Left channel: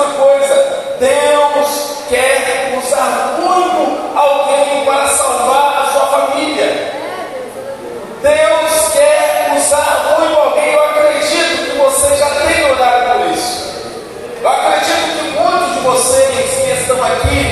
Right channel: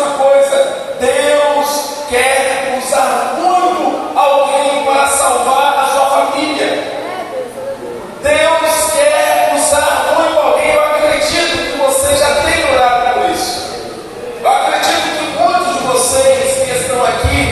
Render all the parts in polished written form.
uma coisa: Deus quer usar muito alguém para salvar a sua família. Deus quer usar muito alguém. Eu acredito que você já tem orado por isso. Eu acredito que muitos de vocês que estão aqui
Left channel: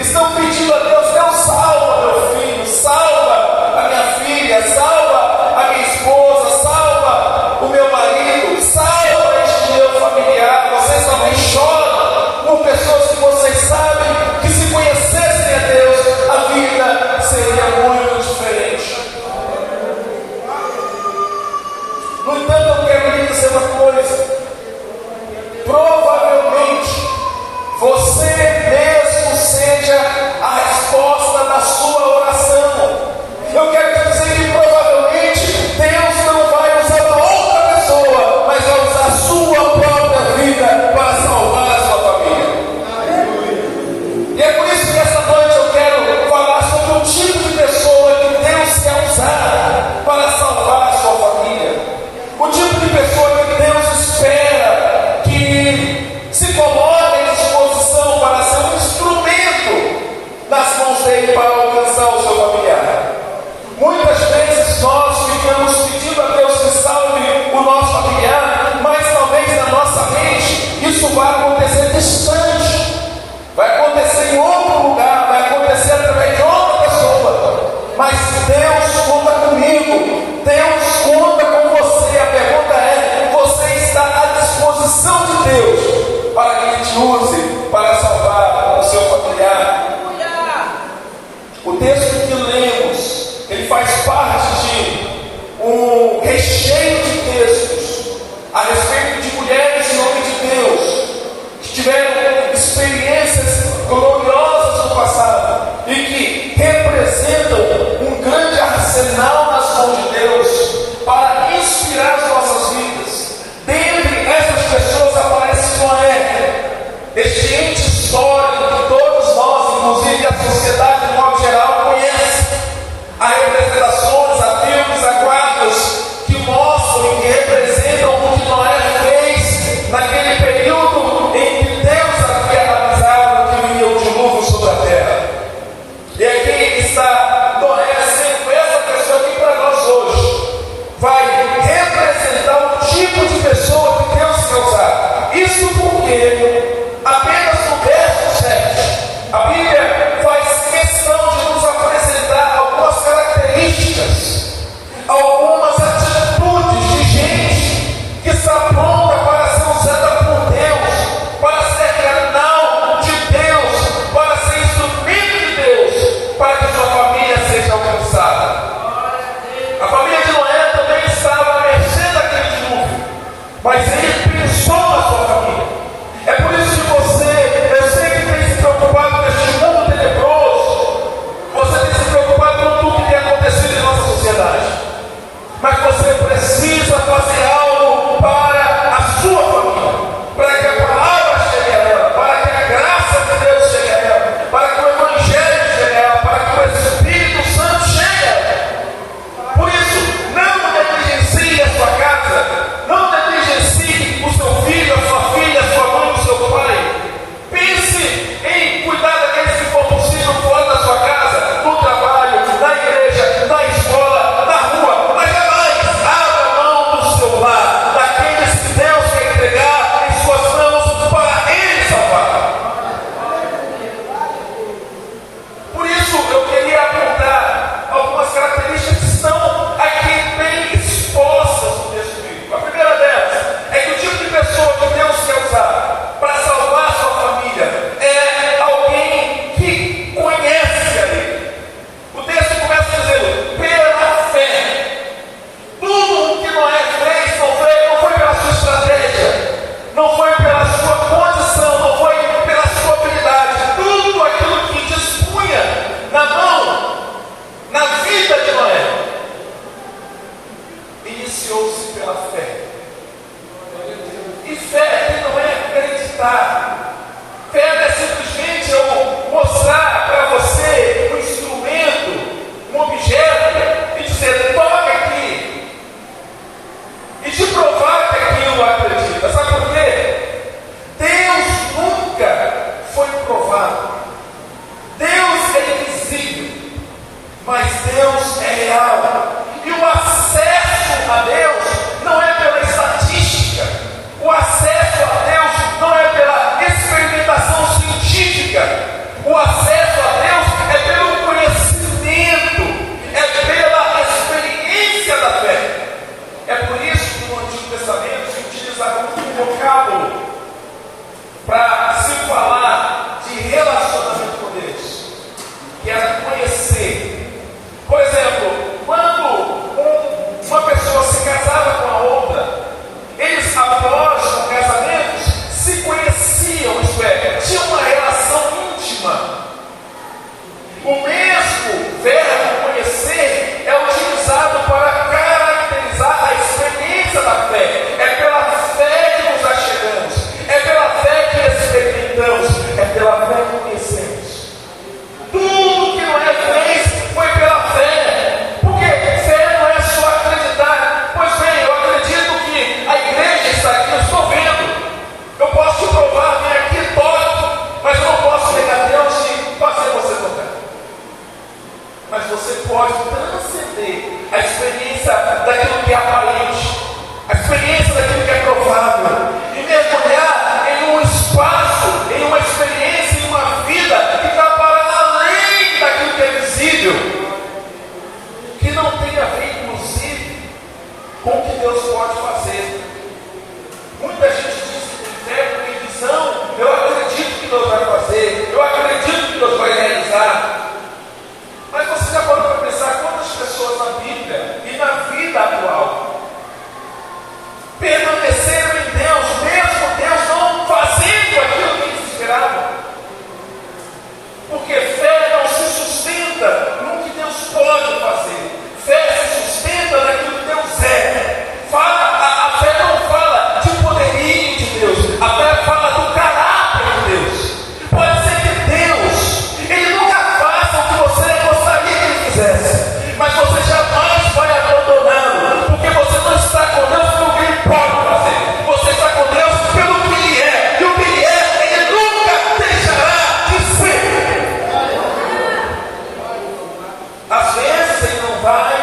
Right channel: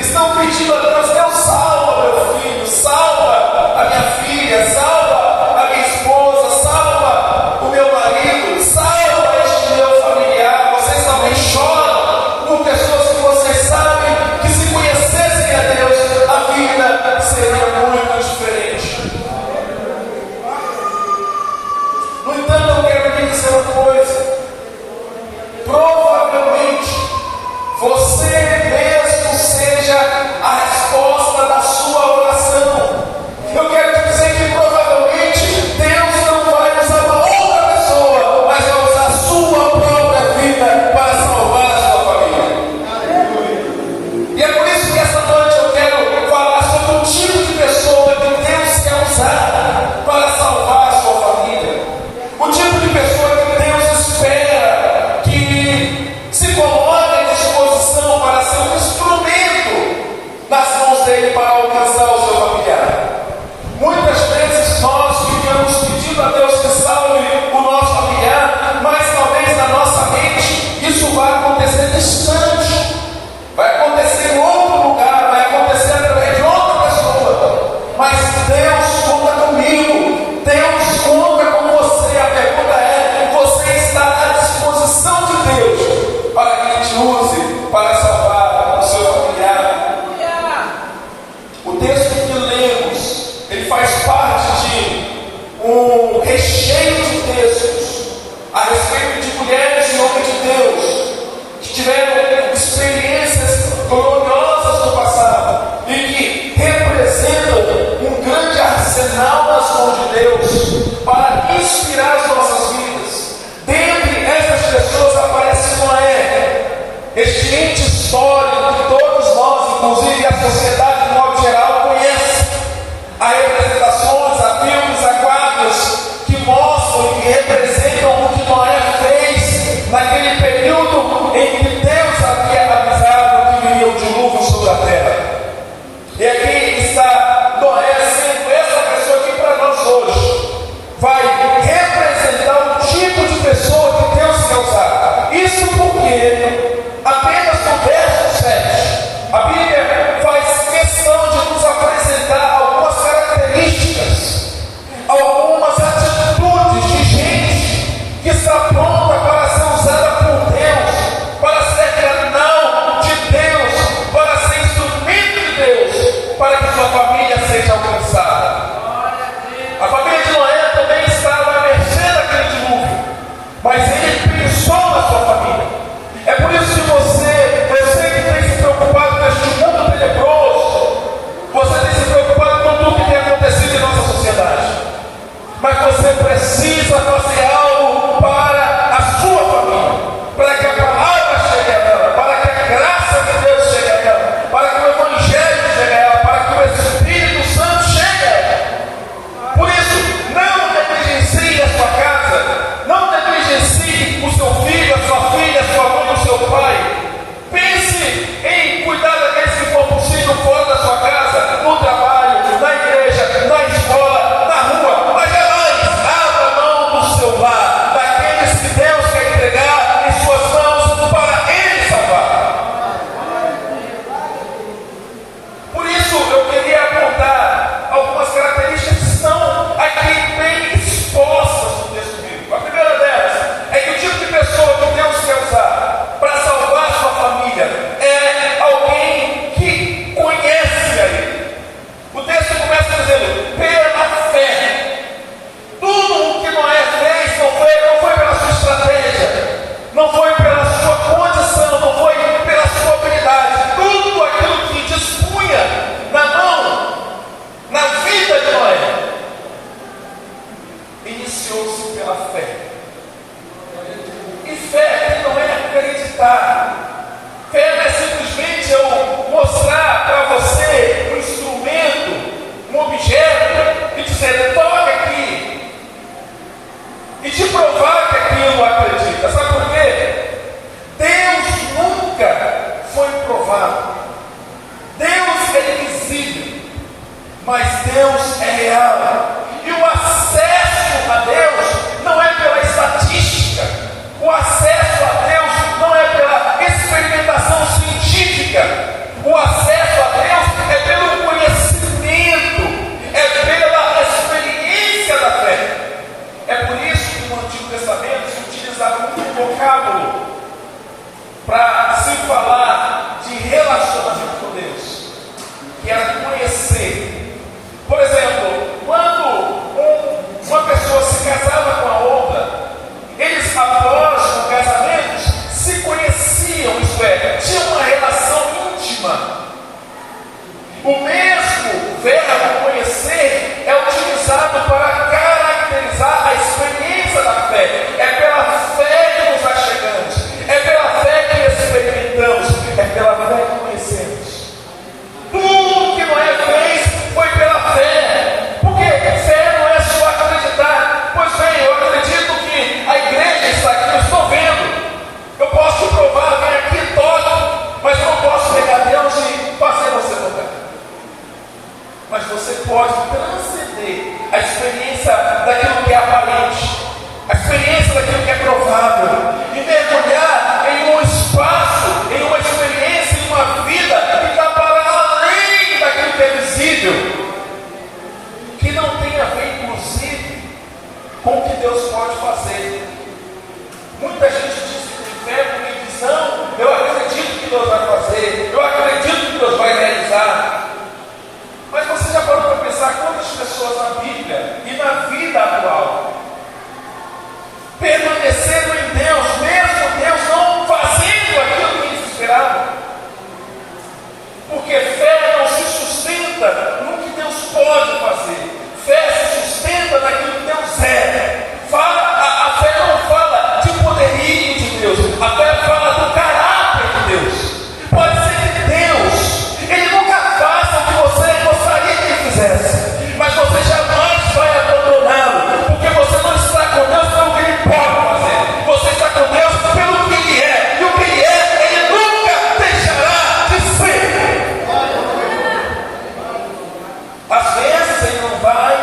estão pedindo a Deus: Deus, salva meu filho, salva a minha filha, salva a minha esposa, salva o meu marido, salva este meu familiar. Vocês também choram por pessoas que vocês sabem que, se conhecessem a Deus, a vida seria muito diferente. No entanto, eu quero lhe dizer uma coisa: provavelmente você mesmo seja a resposta da sua oração. Eu quero te dizer que provavelmente Deus não vai usar uma outra pessoa, mas vai usar a sua própria vida para salvar a sua família. E é por isso que essa noite eu quero falar sobre o tipo de pessoa que Deus quer usar para salvar a sua família. O tipo de pessoa que Deus espera que se coloque à disposição para ser um instrumento nas mãos dele para alcançar o seu familiar. Muitas vezes nós ficamos pedindo a Deus que salve o nosso familiar, mas talvez na nossa mente isso vai acontecer distante, vai acontecer em outro lugar, vai acontecer através de outra pessoa. Mas Deus conta comigo, Deus conta com você. A pergunta é: você está à disposição de Deus para que Ele te use para salvar o seu familiar? O texto que lemos, ele faz parte de um recheio de textos a respeito de mulheres em nome de Deus que tiveram experiências gloriosas no passado e que representam um grande arsenal nas mãos de Deus para inspirar as nossas vidas. Dentre essas pessoas aparece Noé, este ente que é aparente, a experiência daquilo que é provável, e mergulhar em um espaço, em uma experiência, em uma vida que está para além daquilo que é visível, que não tem a ver, inclusive, com o que Deus pode fazer. Muita gente diz que tem fé, tem visão. Eu acredito que Deus vai fazer, eu acredito que Deus vai realizar. Mas você já parou para pensar quantas pessoas na Bíblia e na vida atual permaneceram em Deus, mesmo Deus não fazendo aquilo que eles esperavam? Porque fé não se sustenta no que Deus pode fazer, fé se sustenta naquilo que Deus é. A fé não fala de poderio de Deus, a fé fala do caráter de Deus. Pode ser que Deus, Ele nunca faça o que você gostaria que Ele fizesse, mas você jamais vai abandoná-lo, porque você não está com Deus pelo que Ele pode fazer, você está com Deus pelo que Ele é, e o que Ele é, Ele nunca deixará de ser. Às vezes Ele não vai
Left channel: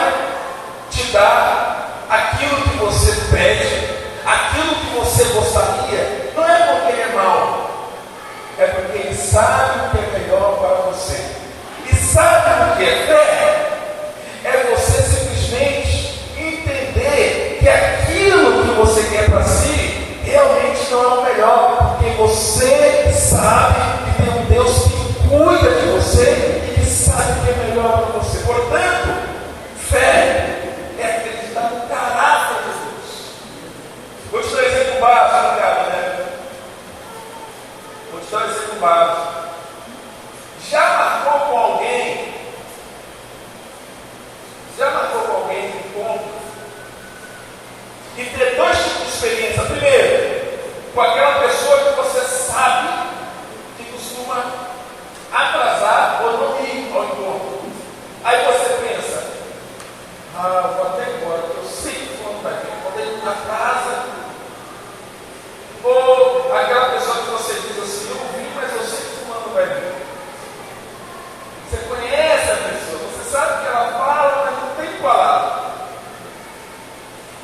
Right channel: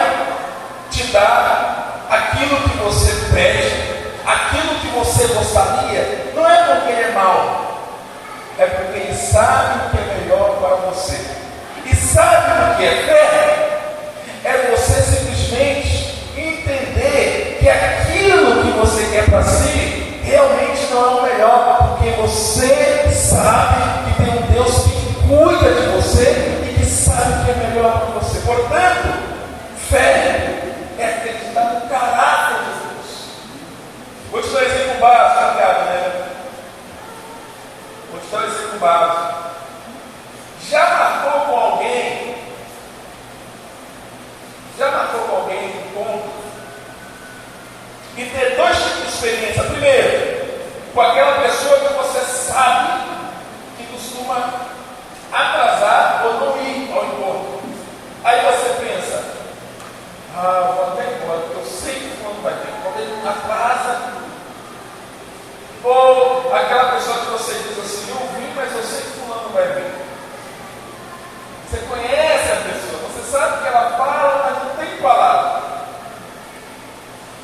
te dar aquilo que você pede, aquilo que você gostaria, não é porque Ele é mau, é porque Ele sabe o que é melhor para você. E sabe o que é fé? É você simplesmente entender que aquilo que você quer para si realmente não é o melhor, porque você sabe que tem um Deus que cuida de você e que sabe o que é melhor para você. Portanto, fé é acreditar no caráter de Deus. Vou te dar um exemplo básico, né? Vou te dar um exemplo básico. Já marcou com alguém um encontro e ter dois tipos de experiência? Primeiro, com aquela pessoa que você sabe que costuma atrasar ou não ir ao encontro. Aí você pensa: vou até embora, porque eu sei que o fulano vai vir. Quando ele atrasa, ou aquela pessoa que você diz assim: eu vim, mas eu sei que o fulano vai vir. Você conhece a pessoa, você sabe que ela fala, mas não tem palavra.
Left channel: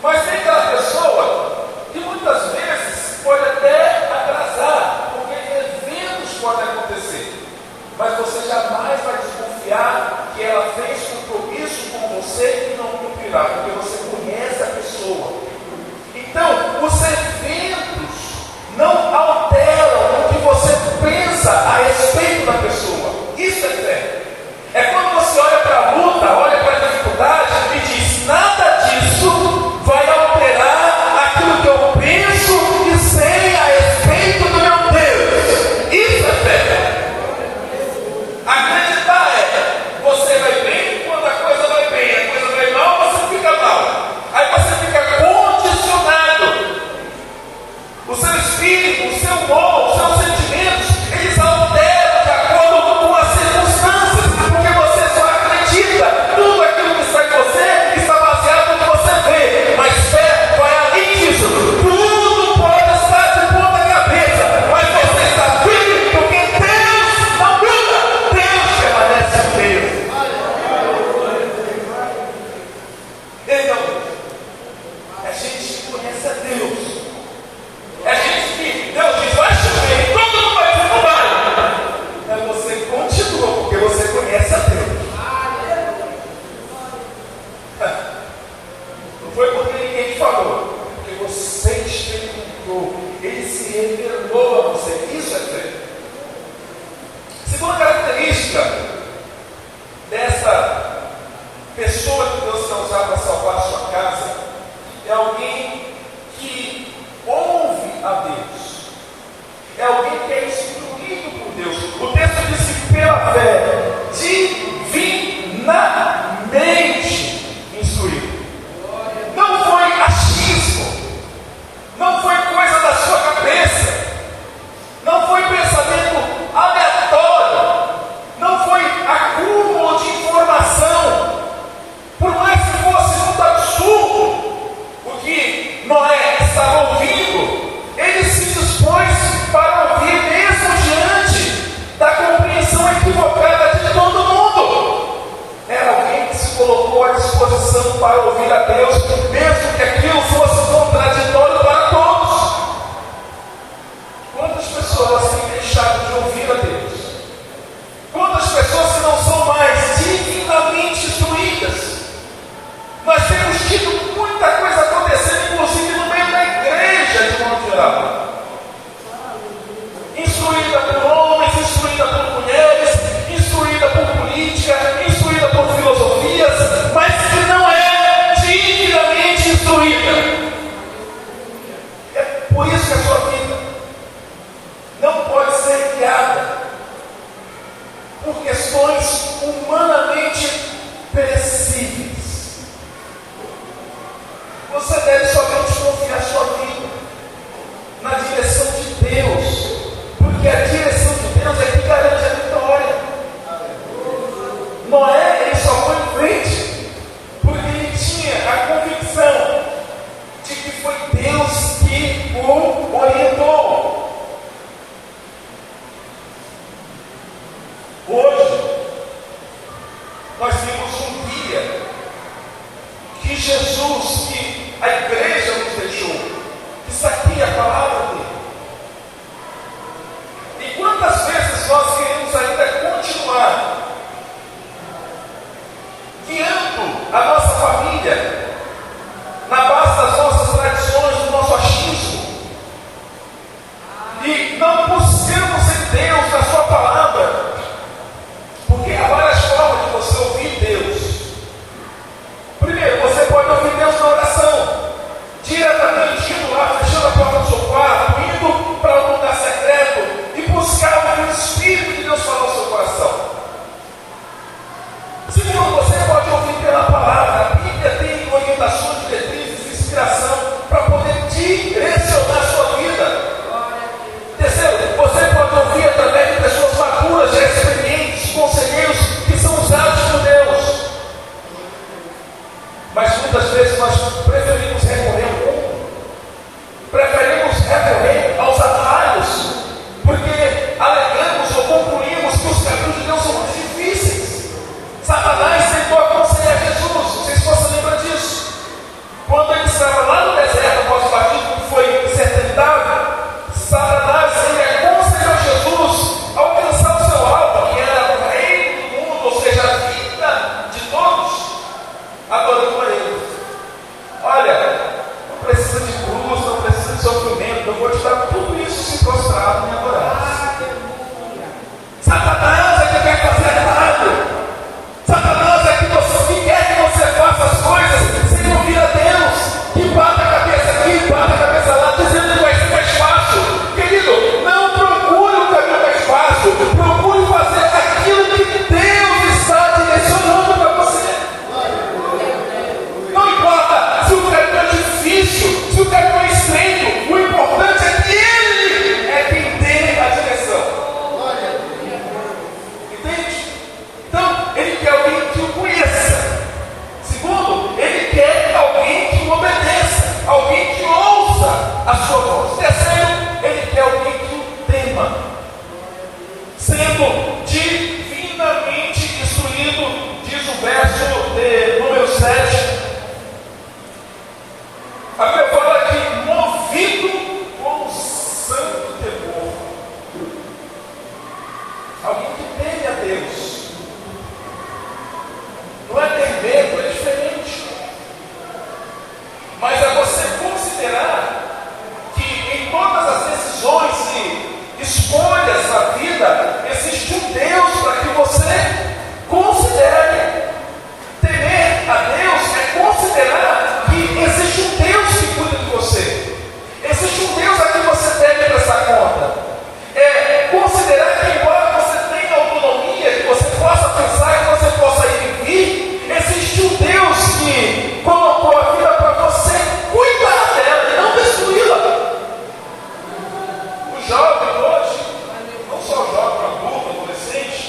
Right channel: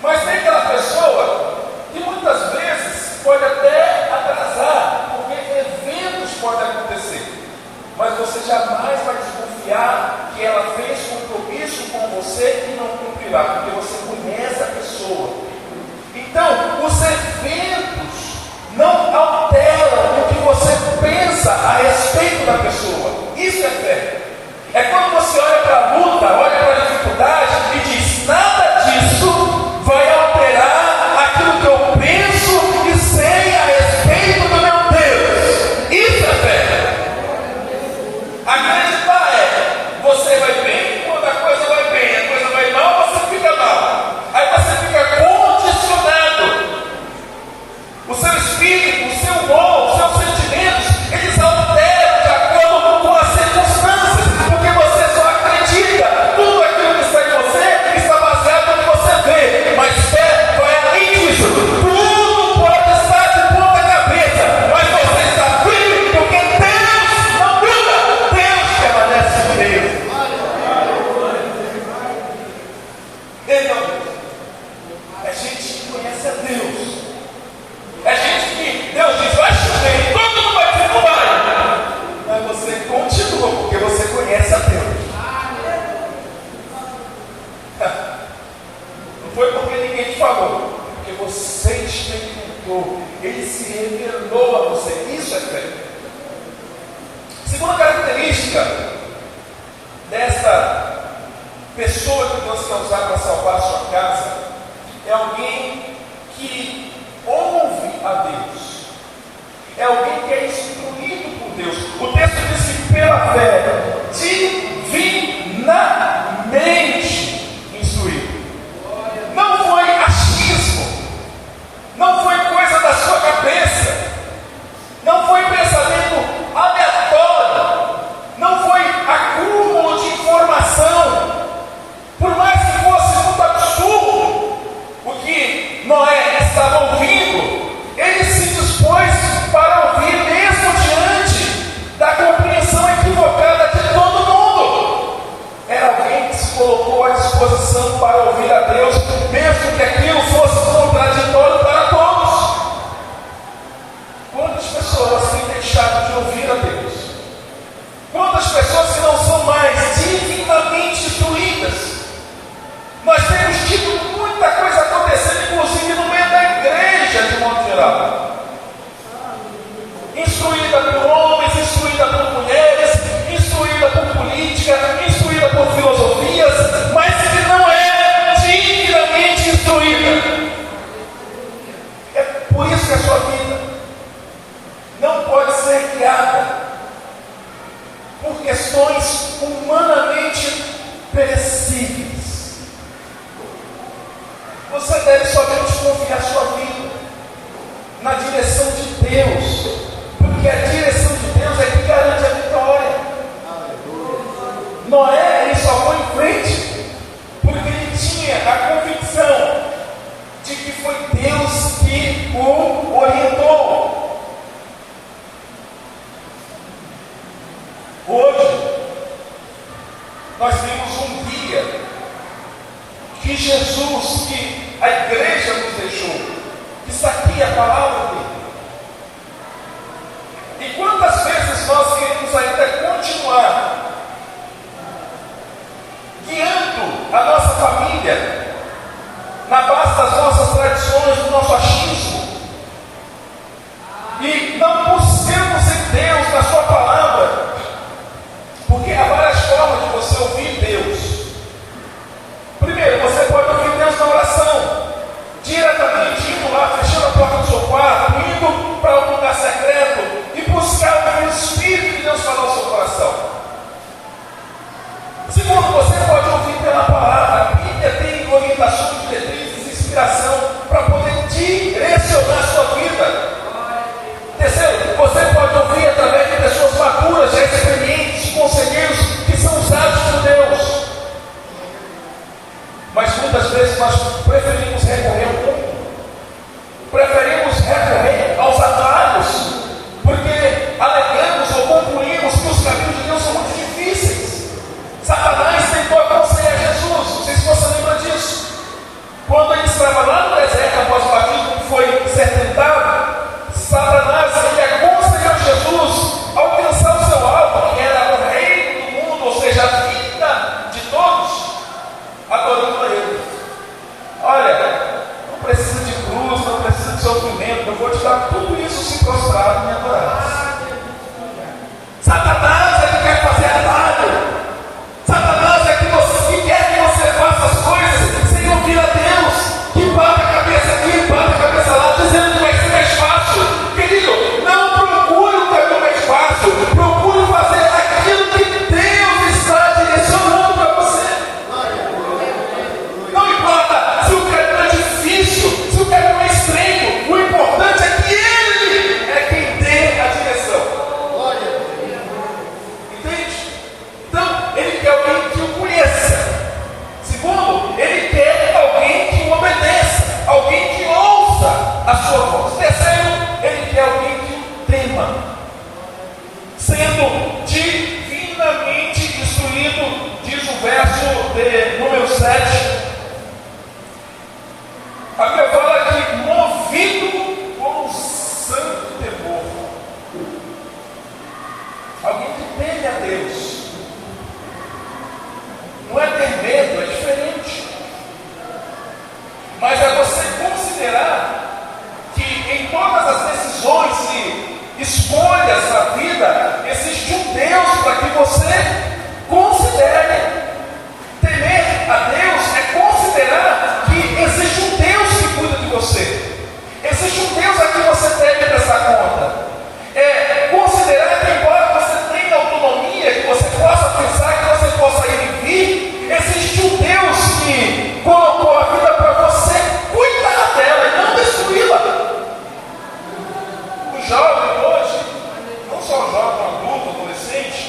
Mas tem aquela pessoa que muitas vezes pode até atrasar, porque eventos podem acontecer, mas você jamais vai desconfiar que ela fez compromisso com você e não cumprirá, porque você conhece a pessoa. Então, os eventos não alteram o que você pensa a respeito da pessoa. Isso é fé. É quando você olha para a luta, olha para a dificuldade e diz: nada disso vai alterar aquilo que eu penso e sei a respeito do meu Deus. Isso é fé. Acreditar é: você vai bem quando a coisa vai bem, a coisa vai mal, você fica mal. Aí você fica condicionado. O seu espírito, o seu humor, os seus sentimentos, eles alteram de acordo com as circunstâncias, porque você só acredita. Tudo aquilo que está em você está baseado no que você vê. Mas fé vai além disso. Tudo pode estar de ponta cabeça, mas você está firme, porque Deus não muda. Deus permanece firme. Ele não muda. É gente que conhece a Deus. É gente que Deus diz: vai chover, e todo mundo vai dizer: não vai. Mas você continua, porque você conhece a Deus. Não foi porque ninguém te falou, porque você experimentou, Ele se revelou a você. Isso é fé. Segunda característica dessa pessoa que Deus quer usar para salvar a sua casa é alguém que ouve a Deus, é alguém que é instruído por Deus. O texto diz que pela fé, divinamente instruído. Não foi achismo, não foi coisa da sua cabeça, não foi pensamento aleatório, não foi acúmulo de informação. Por mais que fosse muito absurdo o que Noé estava ouvindo, ele se dispôs para ouvir mesmo não pode ser guiada por questões humanamente perecíveis. Você deve somente confiar sua vida na direção de Deus, porque a direção de Deus é que garante a vitória. Noé, ele só foi em frente porque ele tinha a convicção de que foi Deus que o orientou. Hoje, nós vimos um guia que Jesus, que a igreja nos deixou, que está aqui a palavra dele. E quantas vezes nós queremos ainda continuar guiando a nossa família na base das nossas tradições, do nosso achismo, e não buscamos em Deus, na sua palavra, porque há várias formas de você ouvir Deus. Primeiro, você pode ouvir Deus na oração, diretamente indo lá, fechando a porta do seu quarto, indo para um lugar secreto e buscar o Espírito de Deus falar no seu coração. Segundo, você pode ouvir pela palavra. A Bíblia tem orientações, diretrizes, inspiração para poder direcionar a sua vida. Terceiro, você pode ouvir através de pessoas maduras, já experientes, conselheiros que são usados por Deus. Mas muitas vezes nós preferimos recorrer ao mundo, preferimos recorrer aos atalhos, porque alegamos ou concluímos que os caminhos de Deus são muito difíceis. Satanás tentou aconselhar Jesus, não sei se você lembra disso. Quando ele estava lá no deserto, após o batismo, que foi ser tentado, Satanás ele aconselhou Jesus a alcançar o seu alvo, que era o reino do mundo, ou seja, a vida de todos, adorando a ele. Olha, não precisa de cruz, não precisa de sofrimento, eu vou te dar tudo isso se prostrar e me adorar. Satanás é que quer fazer errado. Satanás é que quer que você faça as coisas sem ouvir a Deus, que bate a cabeça aqui, bate a cabeça lá, dizendo que vai ser mais fácil. Querido, não procure o caminho mais fácil, procure fazer aquilo que Deus está direcionando para você. Não importa se o caminho é difícil, se o caminho é estreito, o importante é que Ele é quem dê a direção. Entende? Então, Ele quer alguém que o conheça. Segundo, Ele quer alguém que o obedeça, alguém que ouça a sua voz. Terceiro, Ele quer alguém que o tema, sendo divinamente instruído, diz o verso número 7. A Bíblia fala que movido por um santo temor, alguém que teme a Deus. Não é ter medo, é diferente. Mas é você considerar que em todas as decisões e escolhas na vida, existe um Deus para que você considere. Temer a Deus é considerar que existe um Deus que cuida de você. Existe um Deus a quem você deve prestar conta. É considerar que, embora você tenha autonomia, que você possa pensar, que você possa ir e vir, existe um Deus que colocou a vida para você cuidar dela e não destruí-la. O jovem hoje, não só o jovem, adulto, adolescente,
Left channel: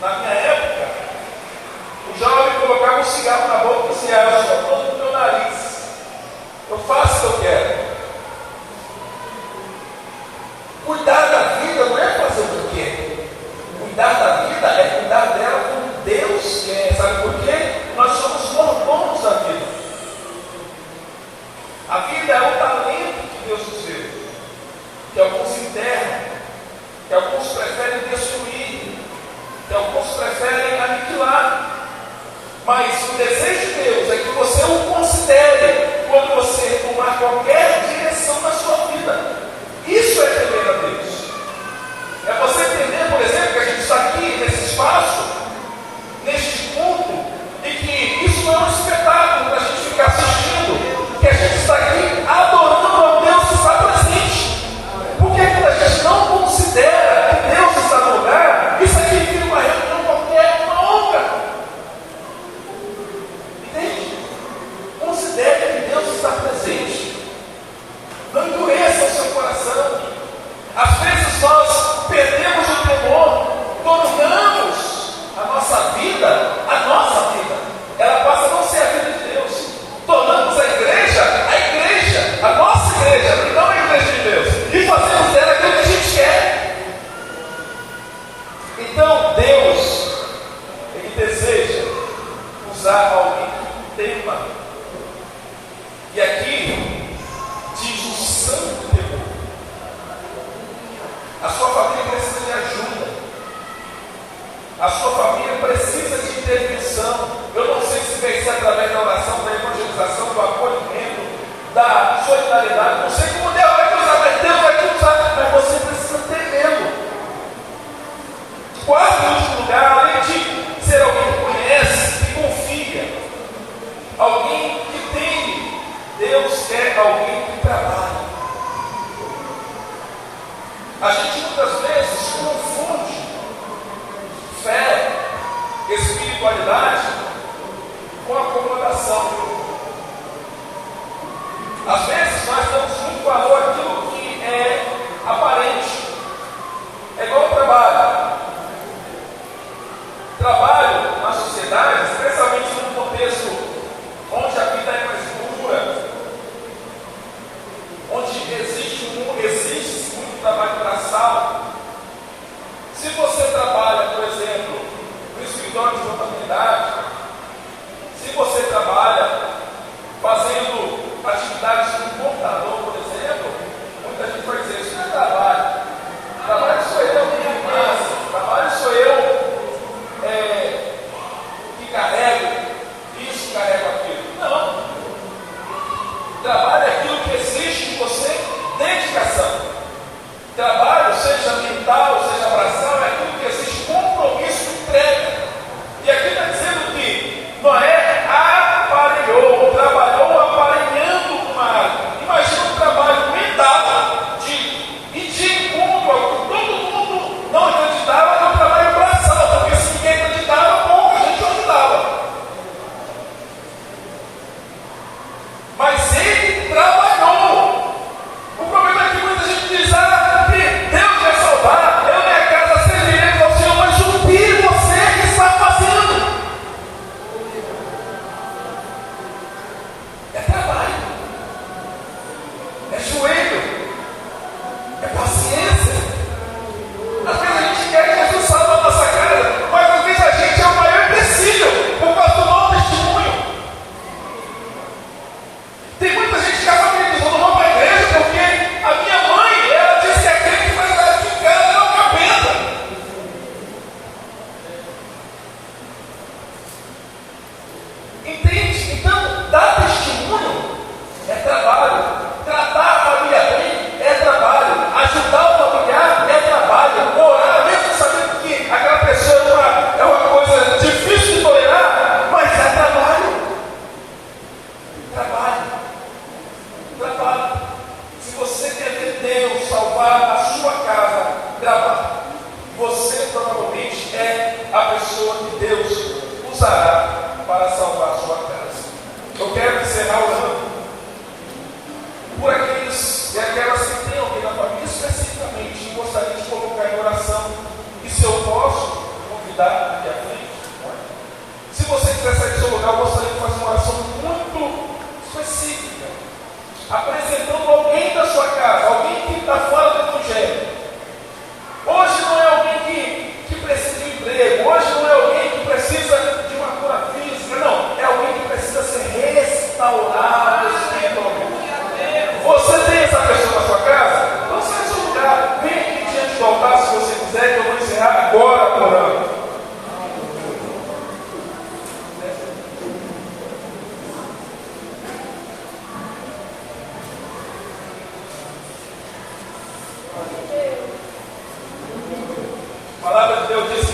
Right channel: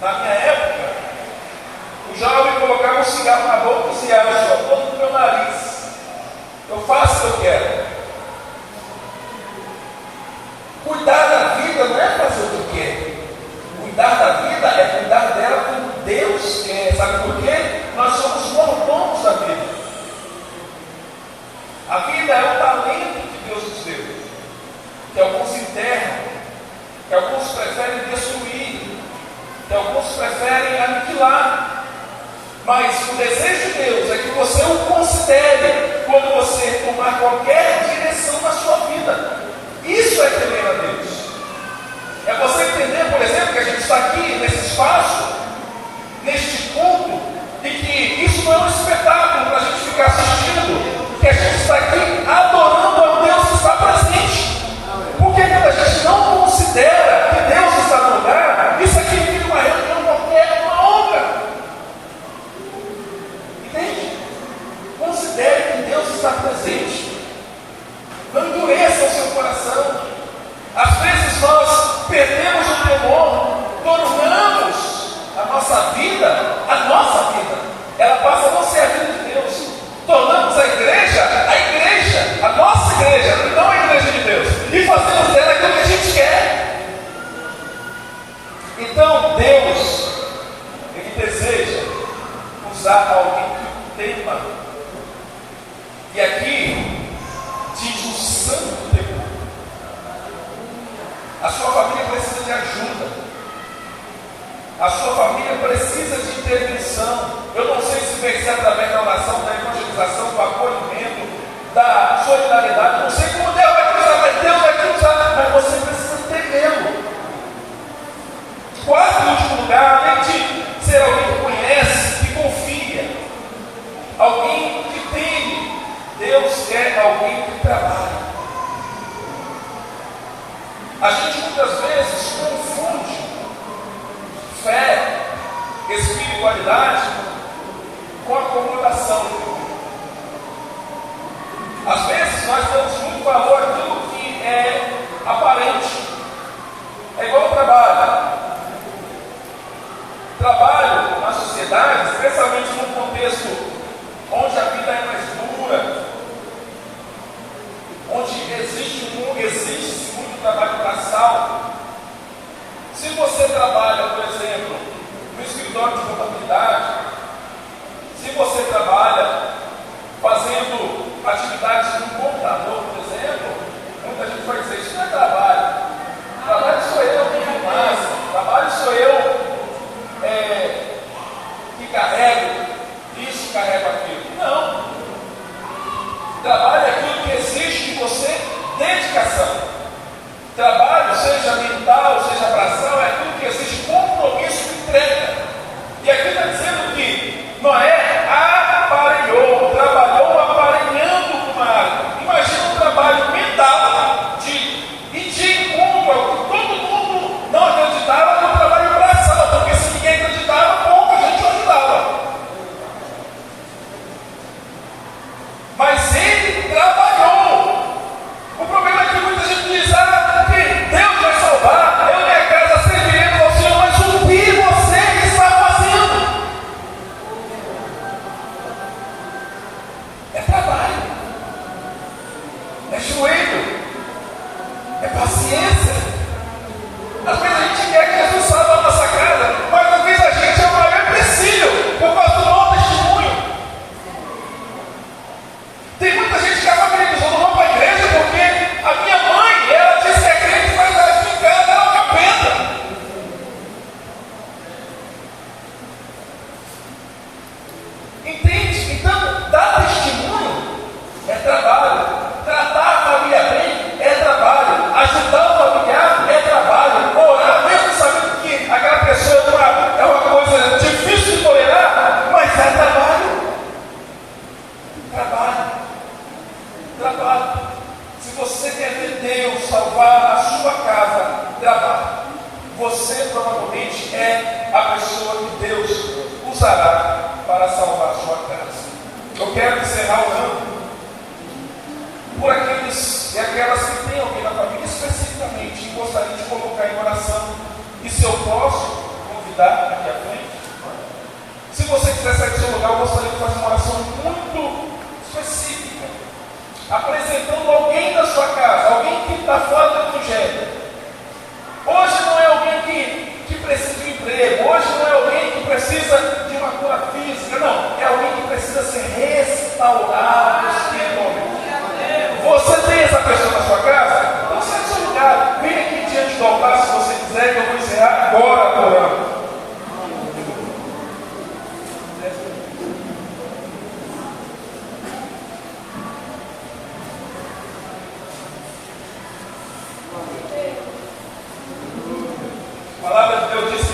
na minha época, o jovem colocava um cigarro na boca e dizia: eu só estou no meu nariz, eu faço o que eu quero. Cuidar da vida não é fazer o que quer. Cuidar da vida é cuidar dela como Deus quer. Sabe por quê? Nós somos mordomos da vida. A vida é o talento que Deus nos deu, que alguns enterram, que alguns preferem destruir, que alguns preferem aniquilar. Mas o desejo de Deus é que você o considere quando você tomar qualquer direção na sua vida. Isso é temer a Deus. É você entender, por exemplo, que a gente está aqui nesse espaço, neste culto, e que isso não é um espetáculo para a gente ficar assistindo, que a gente está aqui adorando ao Deus que está presente. Porque quando a gente nossa vida, ela passa a não ser a vida de Deus. Tornamos a igreja, a nossa igreja, não a igreja de Deus. E fazemos dela aquilo que a gente quer. Então Deus, Ele deseja usar alguém que tema. E aqui diz o santo temor. A sua família precisa de ajuda. A sua família precisa de intervenção. Eu não sei se vai ser através da oração, da evangelização, do acolhimento, da solidariedade. Não sei como Deus vai te usar, mas Deus vai te usar. Mas você precisa ter medo. Quarto e último lugar, além de ser alguém que conhece, que confia, alguém que teme, Deus quer alguém que trabalha. A gente muitas vezes confunde fé, espiritualidade com acomodação. Às vezes nós damos muito valor àquilo que é aparente. É igual ao trabalho. Trabalho na sociedade, especialmente num contexto onde a vida é mais dura, onde existe muito trabalho braçal. Se você trabalha, por exemplo, no escritório de contabilidade, se você trabalha fazendo atividades com computador, por exemplo, muita gente vai dizer, isso não é trabalho. Trabalho sou eu que faço, trabalho sou eu que carrego isso, carrego aquilo. Não. Trabalho é aquilo que exige de você dedicação. Trabalho, seja mental, seja braçal, é aquilo que existe compromisso e entrega. E aqui está dizendo que Noé trabalhou aparelhando com uma água. Imagina um trabalho mental e de encontro ao que todo mundo não acreditava no trabalho braçal, porque se ninguém acreditava, pouca gente ajudava. Mas ele trabalhou. O problema é que muita gente diz, Deus vai salvar, eu e minha casa serviremos ao Senhor, mas o que você está fazendo? É trabalho, é joelho, é paciência. Às vezes a gente quer que Jesus salve a nossa casa, mas às vezes a gente é o maior empecilho por causa do mau testemunho. Tem muita gente que acredita, eu não vou para a igreja porque a minha mãe, ela disse que é crente, mas ela de casa é um capeta. Entende? Então, dar testemunho é trabalho. Tratar a família bem é trabalho. Ajudar o familiar é trabalho. Orar, mesmo sabendo que aquela pessoa é uma coisa difícil de tolerar, mas é trabalho. Trabalho. Se você quer ver Deus salvar a sua casa, trabalho. Você provavelmente é a pessoa que Deus usará para salvar a sua casa. Eu quero encerrar orando por aqueles e aquelas que têm alguém na família, especificamente, gostaria de colocar em oração. E se eu posso convidar aqui à frente, se você quiser sair do seu lugar, eu gostaria de fazer uma oração muito específica, apresentando alguém da sua casa, alguém que está fora do evangelho. Hoje não é alguém que precisa de um emprego, hoje não é alguém que precisa de uma cura física, não, é alguém que precisa ser restaurado espiritualmente. Você tem essa pessoa na sua casa? Então sai do seu lugar, vem aqui diante do altar se você quiser, que eu vou encerrar agora orando. A palavra de Deus diz